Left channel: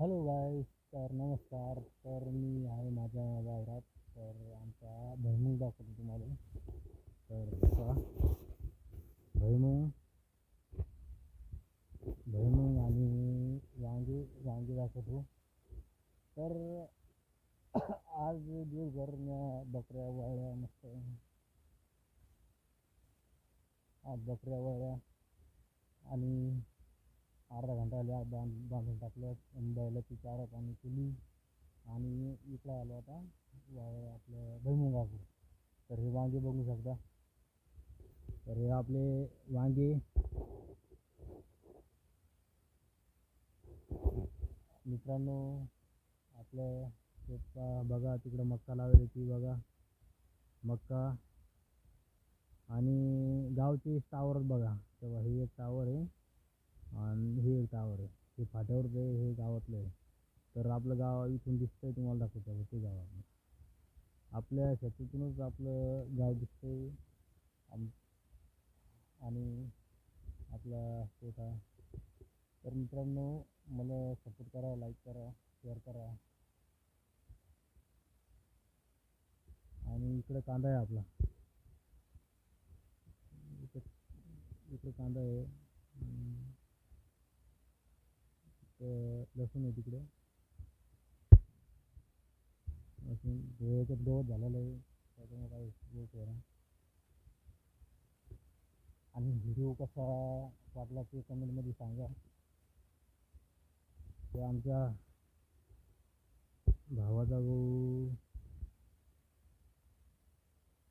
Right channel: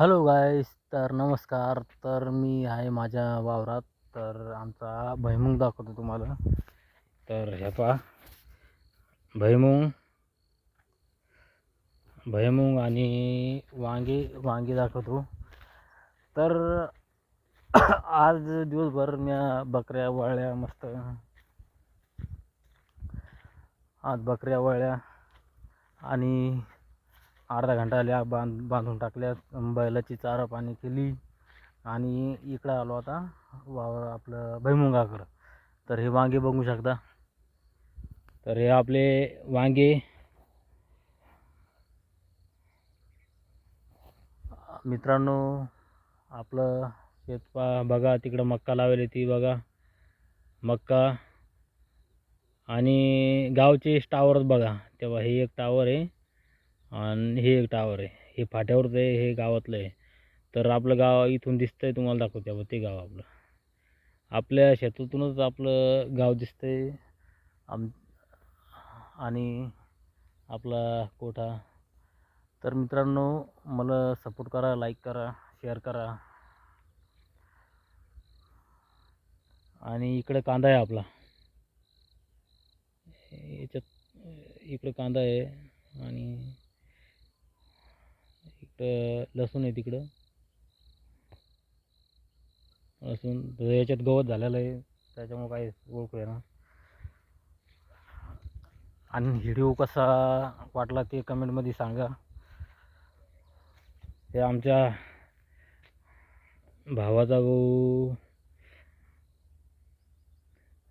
Hello गाईस, तर नमस्कार. तर मी आहे माझ्या वावरात. तर आमचा भुईमुग दाखवतो तुम्हाला. तर हे पहा, भुईमुग भुईमुग आणि वांगी दाखवतो. तर आज दिवसभर म्या बकऱ्या वळल्या मस्त. आज बकऱ्या वळल्या आणि अर्धा घंटा आल्या बांधून टाकल्या. बैलाची चारा पाणी केली आणि इकडं आलो आता वावर आपलं भुईमुगाकडं. तर हे वांगे बघू शकता. तर हे आपले वांगे मित्रांनो, आपलं शेत बघा, तिकडं मक्का लावली ती बघा, मक्का. आणि गावचे टावर बघा, तेव्हा हे एक टावर आहे आणि हे एक टावर आहे. हे फाट्यावरचं आहे, हे गावातलं आहे. तर आपलं गाव इथून दिसतंय, तुम्हाला दाखवते ते गाव आपलं. आपल्या शेतातूनच आपलं गाव दिसतंय. आणि आपला कोठा. तर मित्रांनो, मला सपोर्ट करा, लाईक करा, शेअर करा. आणि इकडे कांदा आहे आपला, याच्यात इकडे कांदा आहे आणि इकडं लसूण आहे. तिकडं लसूण, याच्यात गवत झालेलं आहे, त्याच्यामुळे काही ओळखू आहे ना. आणि व्हिडिओ कसा वाटला ते कमेंटमध्ये सांगा. ते आमच्या भावाचा गहू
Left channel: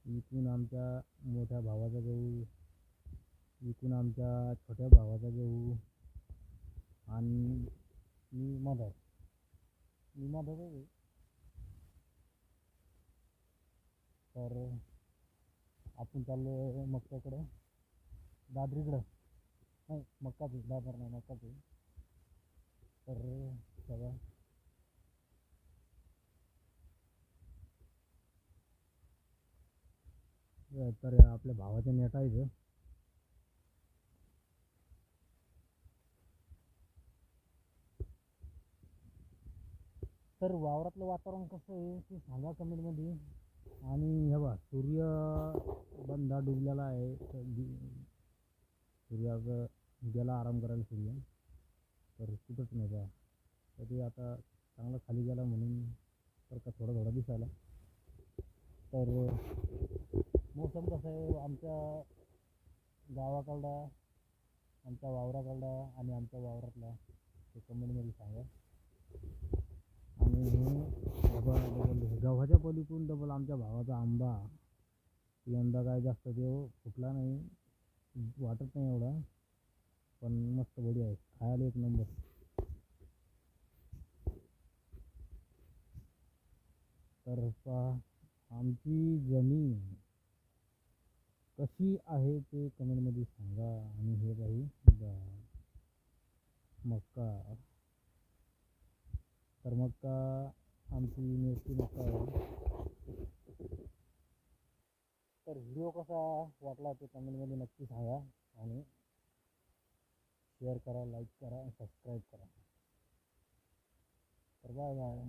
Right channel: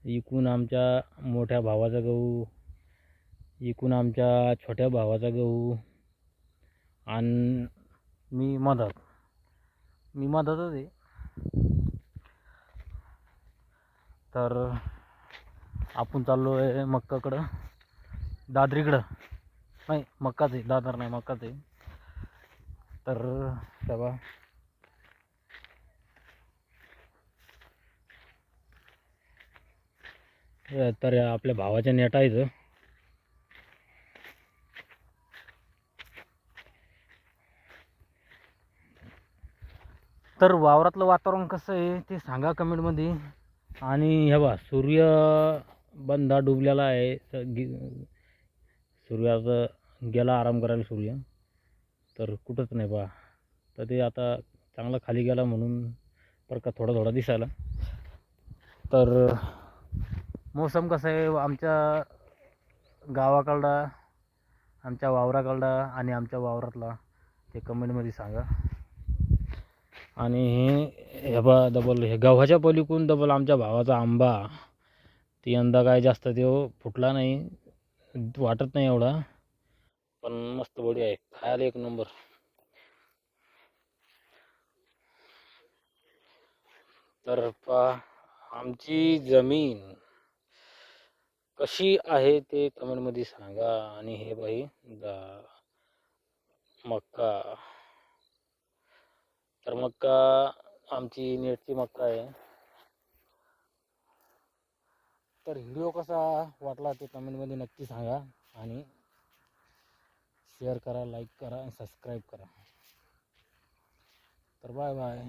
इकून आमच्या मोठ्या भावाचा गहू, इकून आमच्या छोट्या भावाचा गहू, आणि मी मधातच आहे. तर आपण चाललो आहे मक्काकडं, दादरीकडं. नाही, मक्काच आहे, दादर नाही, मक्काच आहे. तर तेव्हा तर आपल्या भावाच्या नेटायचं. तर वावरातलं वातावरण कसं आहे ते सांगा कमेंटमध्ये. आणि हे बा, सूर्य बंदा डुबलेला आहे. सूर्याचं गेला आराम करायला सूर्य. तर कुठंच नाही बा. तर ते आता चांगला खाली गेला म्हणून बरं का थोडा थोडा दिसायला. तर मोसम कसं आहे आमच्या गावाकडला, आमच्या वावराकडला आणि आमच्या वावरातला, ते कमेंटमध्ये सांगा. आणि हे बा, डबल हे गव्हाच्या पलीकडून डबल आमच्या भावाचा आंबा. ती यंदा काय जास्त तो फुटला नाही, वाटत नाही एवढा, पण मस्त बढिया आहे, खायला एक नंबर. तर आमची जमीन कशी आहे ते कमेंटमध्ये सांगा. आणि हे बाई मक्का. तर मक्का आमची नेटची मक्का आहे. तर व्हिडिओ कसा वाटला ते कमेंटमध्ये नक्की सांगा. आणि शेअर करा, लाईक करा आणि सबस्क्राईब करा. तर बाय बाय.